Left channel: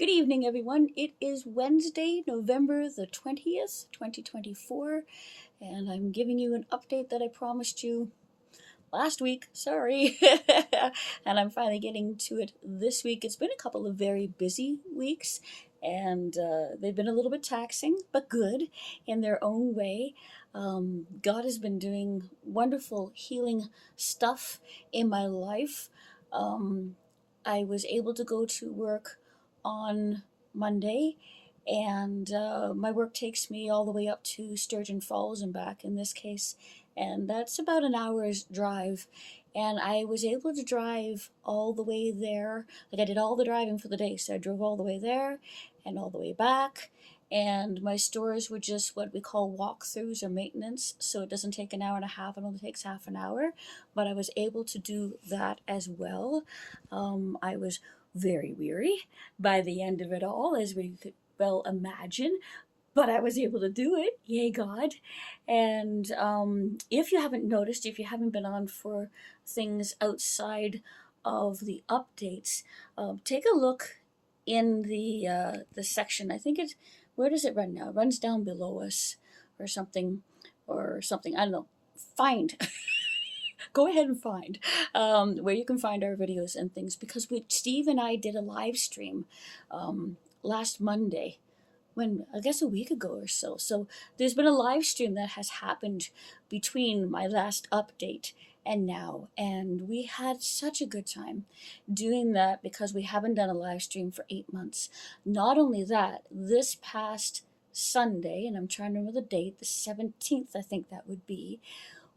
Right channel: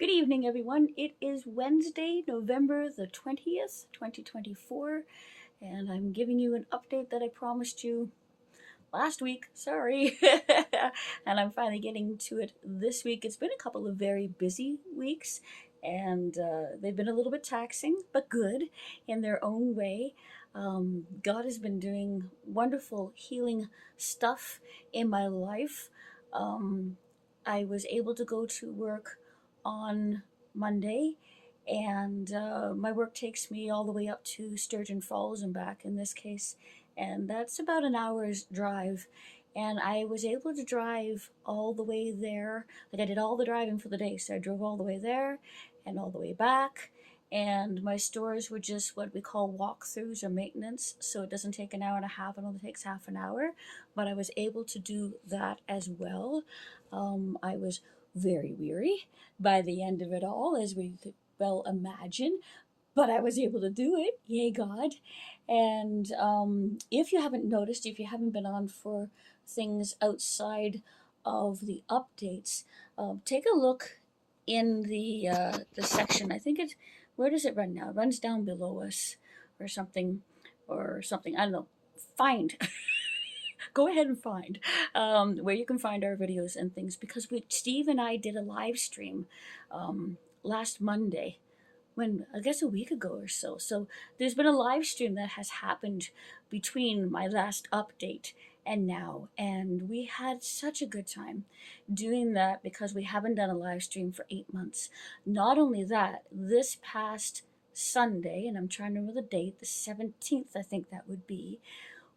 Good evening, everyone. It is Wednesday, November the 20th, 2024, and I'm giving you an update that I promised you last week. Sorry. And I'm finally getting to it this week. It's been a couple of very busy weeks, and they've been a little bit taxing, but good in their own way. God has been doing wonderful healing stuff in my life. Um, I was able to go to work on Monday, and my work takes me all the way up to Sturgeon Falls and back in this case, and that's about an hour's drive. And I was able to drive all the way there. Like, I did all the driving for the day, so I drove all the way there and all the way back. And my stores were just what we call walkthroughs or maintenance, so it doesn't take an hour and a half, it only takes half an hour. But I was able to do that as well. I was very weary by the end of it all, as we could well imagine, but I was able to do it. Yay, God. And if you haven't noticed, if you haven't been on for things outside of the updates, take a look in the section. I think it's, where does it run now? It runs down below us or something, or something. I don't know. Find. Go ahead and find where you can find our videos and things, because Steve and I did a live stream last Monday, when I guess a week ago or so. So there's been a live stream that has happened between my last update and now, and we had such a good time doing that because we haven't done a live stream for 8 months. Not only that, this past Sunday, and I'm trying to remember the date, the 17th, I think that would be,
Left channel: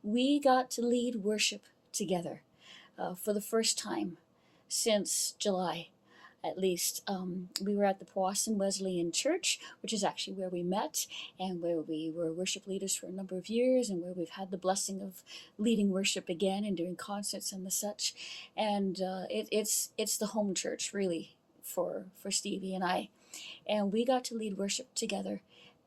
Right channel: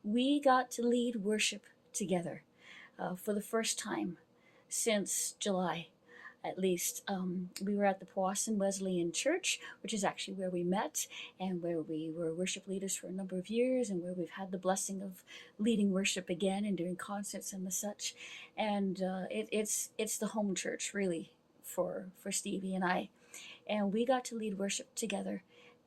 we got to lead worship together for the first time since July, at least. We were at the Powassan Wesleyan Church, which is actually where we met and where we were worship leaders for a number of years, and where we've had the blessing of leading worship again and doing concerts and the such. And it's the home church, really, for Stevie and I. And we got to lead worship together,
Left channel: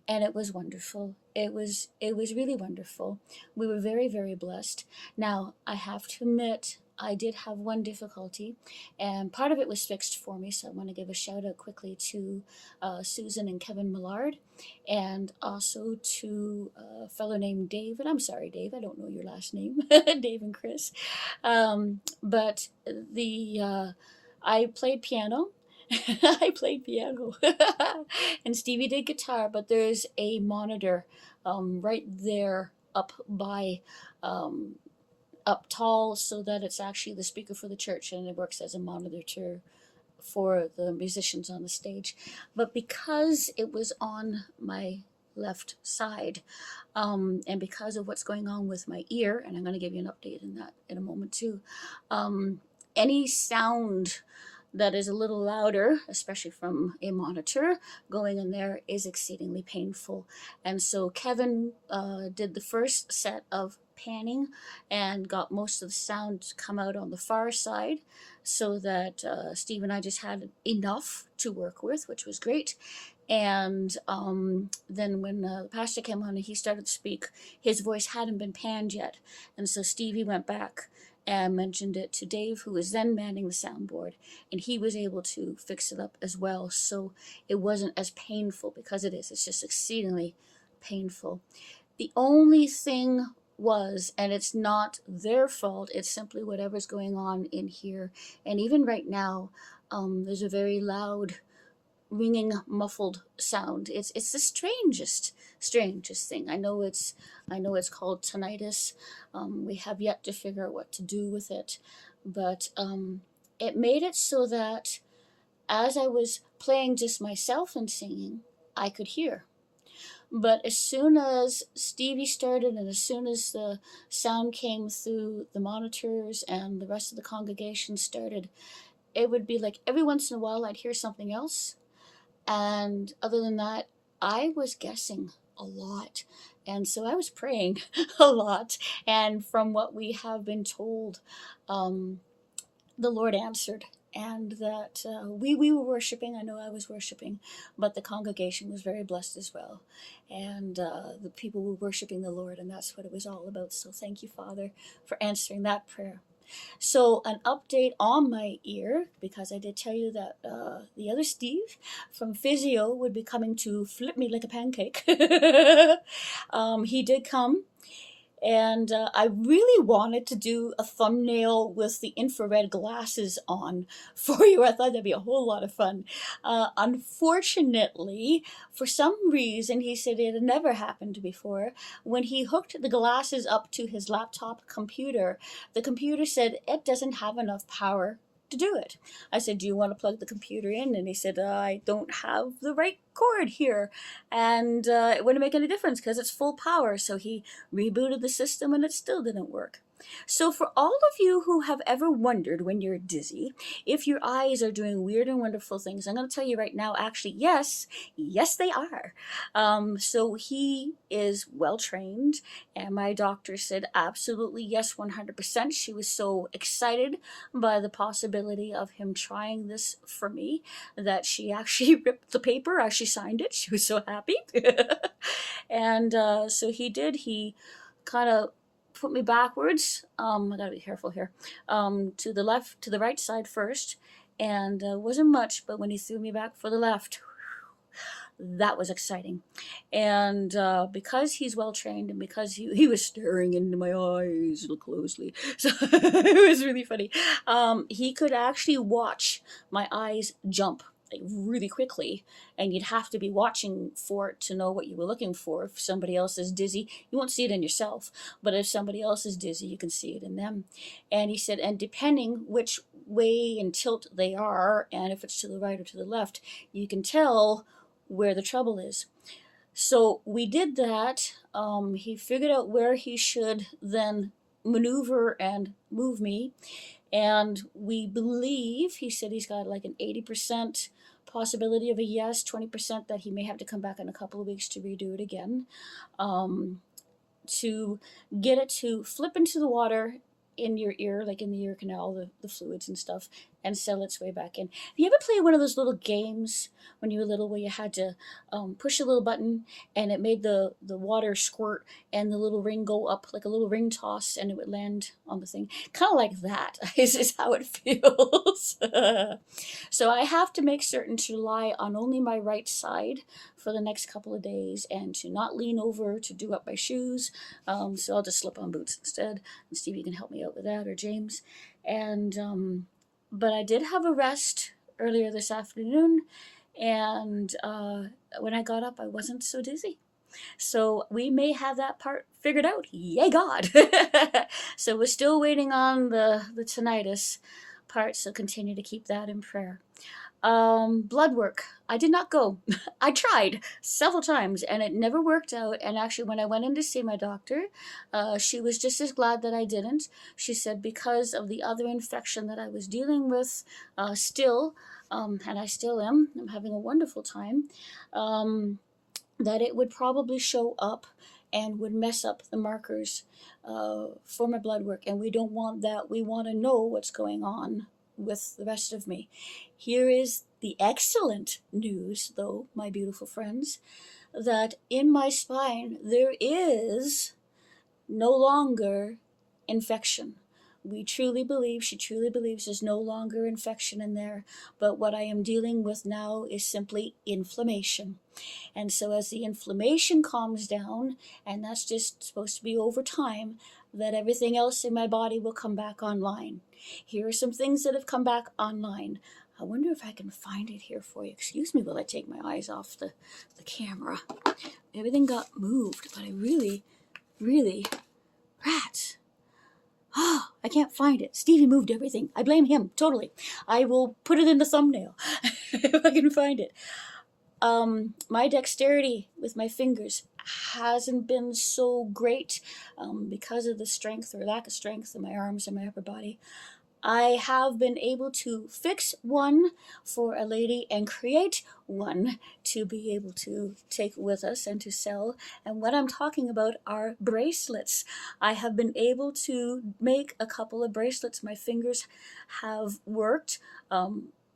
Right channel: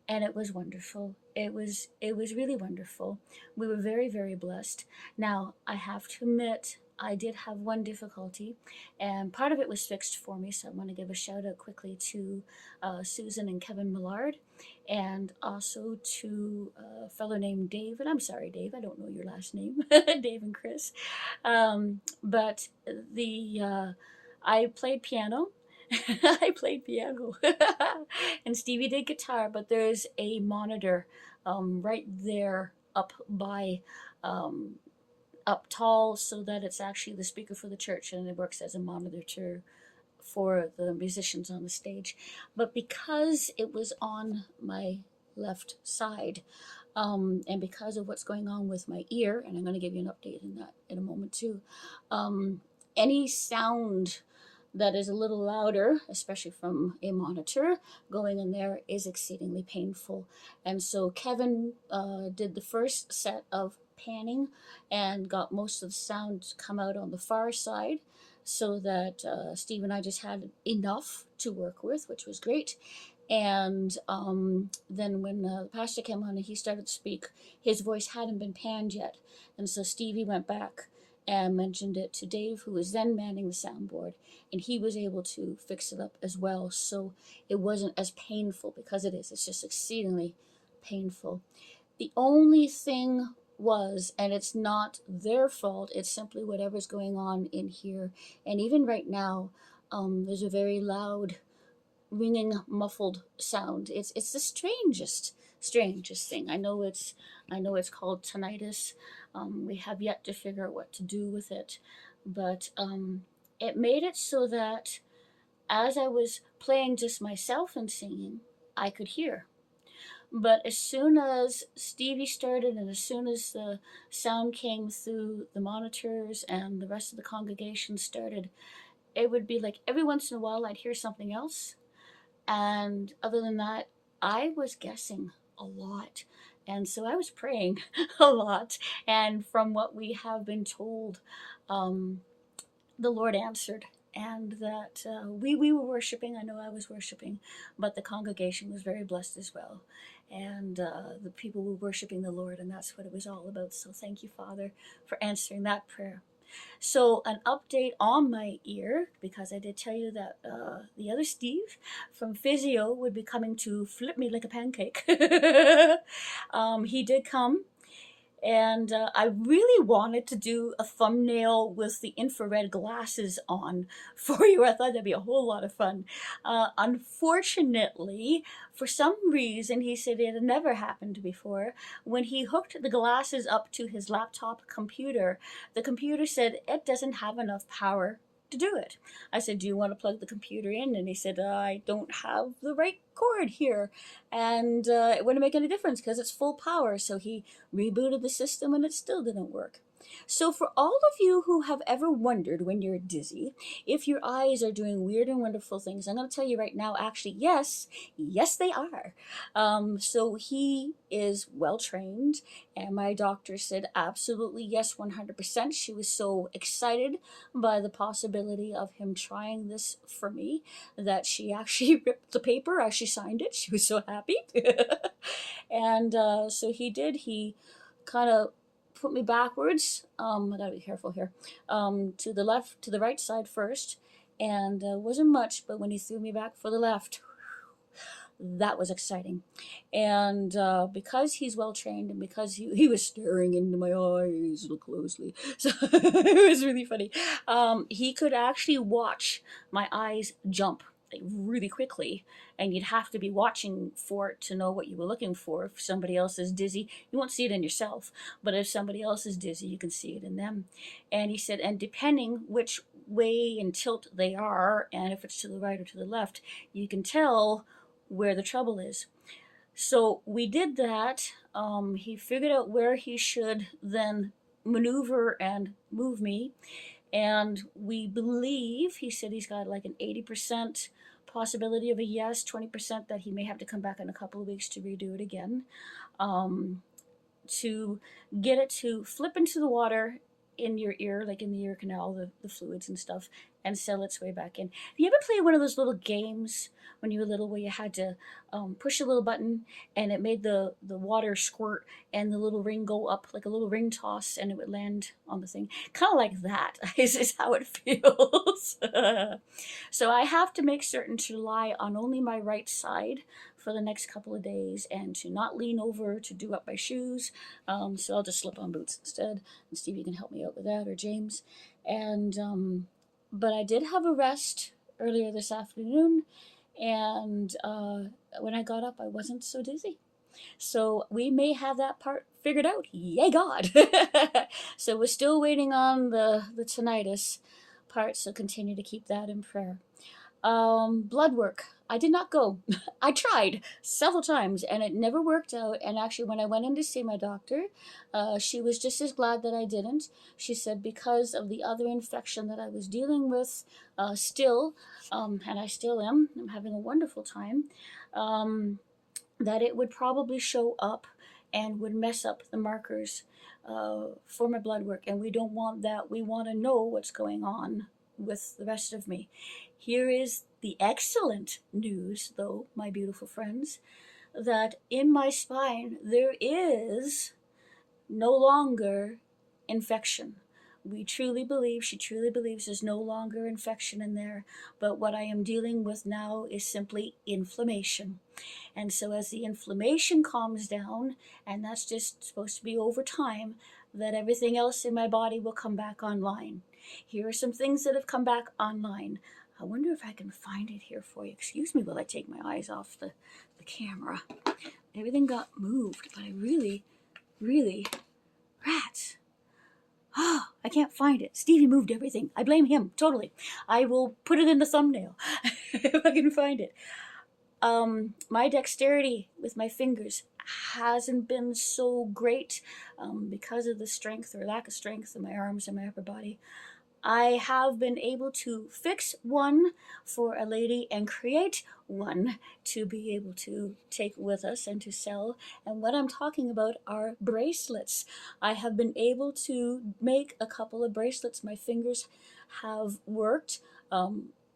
and it was wonderful. It was really wonderful. We were very, very blessed. Now, I have to admit, I did have one difficulty, and part of it was fixed for me, so I want to give a shout out quickly to Susan and Kevin Millard, and also to a fellow named Dave. And I'm sorry, Dave, I don't know your last name. Dave and Chris. But I played piano. I played piano. And Stevie did guitar, but there's a monitor right there up by up tall, so that it's actually the speaker for the church, and it works as a monitor for the musicians on the stage. But because it was on my left side, and because of what's going on with my ear, and I'm going to give you an update in that in a moment too, any sound that is a little louder, especially from a monitor going in there, is exceedingly painful. And so Kevin did the first set of panning and got most of the sound to come out on the far side, so that Steve and I just had enough to work with, which was great. And then when the pastor came on and he started to speak, his voice hadn't been panned yet. And so Stevie went back and mentioned it to Dave, who was then manning the soundboard, and he was able to fix it up as well. So it wasn't as painful, because it's just exceedingly painful. The only thing was, and it's not their fault, it's simply whatever's going on in here. And even right now, there's a very loud ringing, muffled sound. It's the strangest thing. I know it's called tinnitus. We have yet to figure out what to do with it, but it made it so that as I was playing just myself and singing, I could hear. But as soon as Stevie started, and as soon as the sound came through the monitors and the rest of the congregation started, it would be like every once in a while I'd hear something else. And other than that, I was guessing a lot. And so I was praying a lot. And from what we have been told, the Lord answered. And that we were worshiping. I know I was worshiping, but the congregation was very blessed as well. And the people were worshiping the Lord, and that's what it was all about. So thank you, Father, for answering that prayer. So an update on my ear, because I did tell you that the other Steve from Physio would be coming to flip me like a pancake. He did come, and I really wanted to do a thumbnail with the infrared glasses on for you. I thought that'd be a whole lot of fun. Unfortunately, for some reason, he said it had never happened before. When he hooked the glasses up to his laptop computer, the computer said it doesn't have enough power to do it. I said, do you want to plug the computer in? And he said, I don't have the right cord here. And it wouldn't make any difference because it's full power. So he rebooted the system and it still didn't work. So for all of you who have ever wondered when you're dizzy if your eyes are doing weird and wonderful things, I'm going to tell you right now, actually, yes, they are. So he is well trained, and my doctor said absolutely yes, 100%. She was so excited by the possibility of him trying this for me that she actually ripped the paper as she signed it. She was so happy. And so he did. He kind of put me backwards. I gotta be careful here. To the left, to the right side first, and wasn't much. But when he threw me back for the left, that was exciting. And because he's well trained, and because he was staring into my eyes real closely, so it was really funny. He could actually watch my eyes jump like really quickly, and you'd have to be watching for it to know what you were looking for. If somebody else is dizzy, you won't see it in yourself, but if somebody else is dizzy, you can see it in them. And he said, and depending which way and tilt they are, and if it's to the right or to the left, you can tell where the trouble is. So we did that. He figured out where he should then maneuver and move me. And we believe, he said he's got like an 80% possibility of a yes, 20% that he may have to come back in a couple of weeks to redo it again, to get it to flip into the water in your ear, like in the ear canal, the fluids and stuff, and sell its way back in. Have you ever played one of those little games when you were little where you had to push a little button and it made the water squirt and the little ring go up like a little ring toss and it would land on the thing? Kind of like that is how it feels. So I have to make certain to lie on only my right side for the next couple of days and to not lean over to do up my shoes. So I'll just slip on boots instead. And Stevie can help me out with that, or James. And but I did have a rest earlier this afternoon, and when I got up, I wasn't so dizzy. So we may have that part figured out. Yay, God! So we're still waiting on the tinnitus part, so continue to keep that in prayer. Blood work. I did not go. I tried several times and it never worked out. And actually, when I went in to see my doctor, she was just as glad that I didn't. She said because of the other infection that I was dealing with still, and I still am, I'm having a wonderful time, that it would probably show up and would mess up the markers for my blood work. And we don't want that. We want to know what's going on with the rest of me. Here is the excellent news, though, my beautiful friends, that in my spine there is no longer infection. We truly believe, she truly believes there's no longer infection in there, but what I am dealing with now is simply inflammation. And so as the inflammation calms down, and that's just supposed to be over time, that everything else in my body will come back online. Here are some things that have come back online. I wonder if I can find it here for you. Excuse me while I take my eyes off the camera. Everything got moved, but I really, rats. Oh, I can't find it. Stevie moved everything. I blame him, totally. I will put it in the thumbnail if I can find it. My dexterity with my fingers hasn't been so great because of the strength or lack of strength in my arms and my upper body. I have been able to fix one for a lady and create one to be able to take with us and to sell. And what I'm talking about are bracelets. I have been able to make a couple of bracelets. My fingers have worked.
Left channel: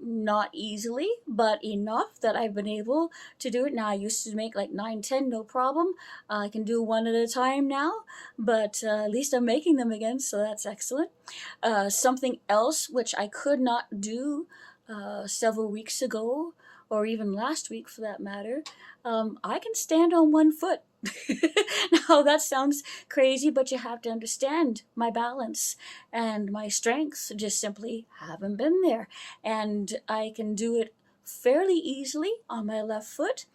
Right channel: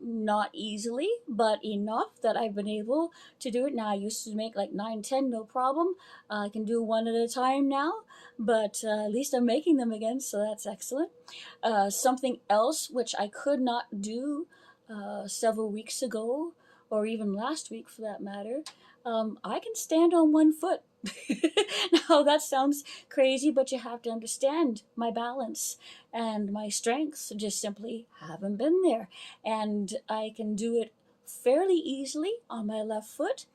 not easily, but enough that I've been able to do it. Now, I used to make like 9, 10, no problem. I can do one at a time now, but at least I'm making them again, so that's excellent. Something else which I could not do several weeks ago, or even last week for that matter, I can stand on one foot. Now, that sounds crazy, but you have to understand my balance and my strengths just simply haven't been there. And I can do it fairly easily on my left foot.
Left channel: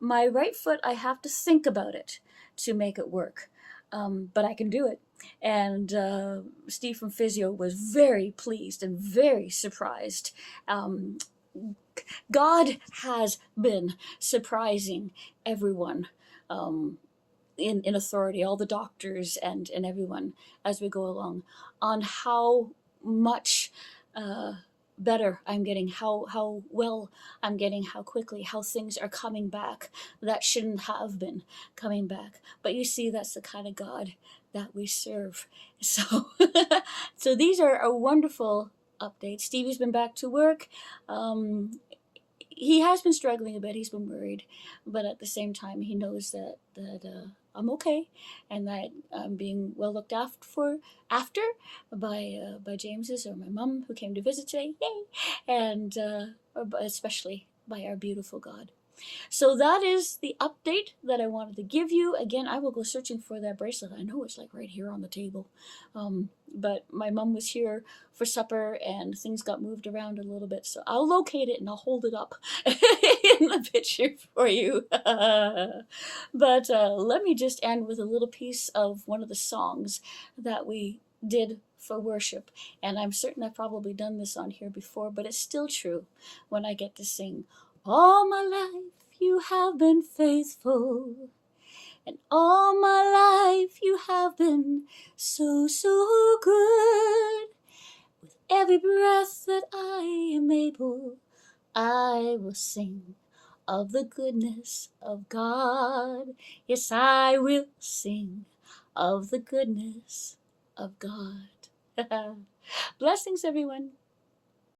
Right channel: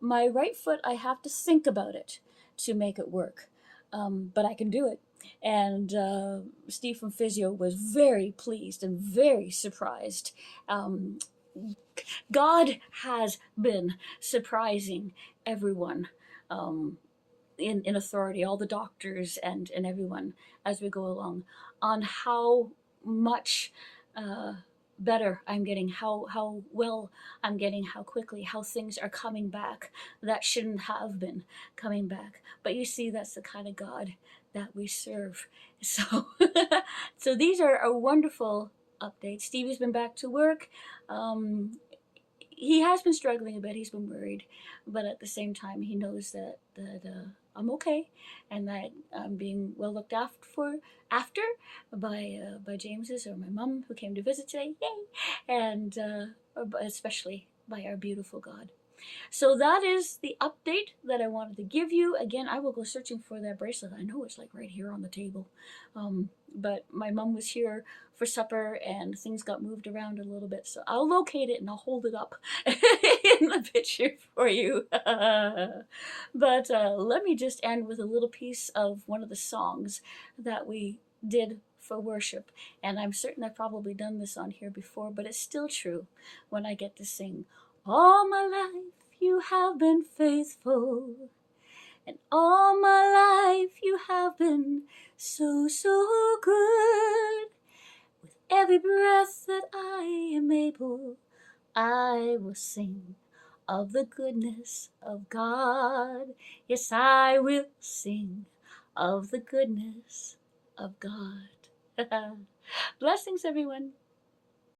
My right foot, I have to think about it to make it work. But I can do it. And Steve from Physio was very pleased and very surprised. Um, God has been surprising everyone. In authority, all the doctors and everyone as we go along, on how much uh, better I'm getting, how well I'm getting, how quickly, how things are coming back that shouldn't have been coming back. But you see, that's the kind of God that we serve. So, so these are a wonderful updates. Stevie's been back to work. He has been struggling a bit. He's been worried, but at the same time, he knows that I'm okay, and that I'm being well looked after by James's or my mom who came to visit today. Yay! And especially by our beautiful God. So that is the update that I wanted to give you. Again, I will go searching for that bracelet. I know it's like right here on the table. But my mom was here for supper and things got moved around a little bit. So I'll locate it and I'll hold it up in the picture for you. But let me just end with a little piece of one of the songs that we did for worship. And I'm certain I've probably done this on here before, but it's still true when I get to sing. All my life you have been faithful, and all my life you have been so, so good. With every breath that I am able, I will sing of the goodness of God. Yes, I will sing of the goodness of God. Blessings, everyone.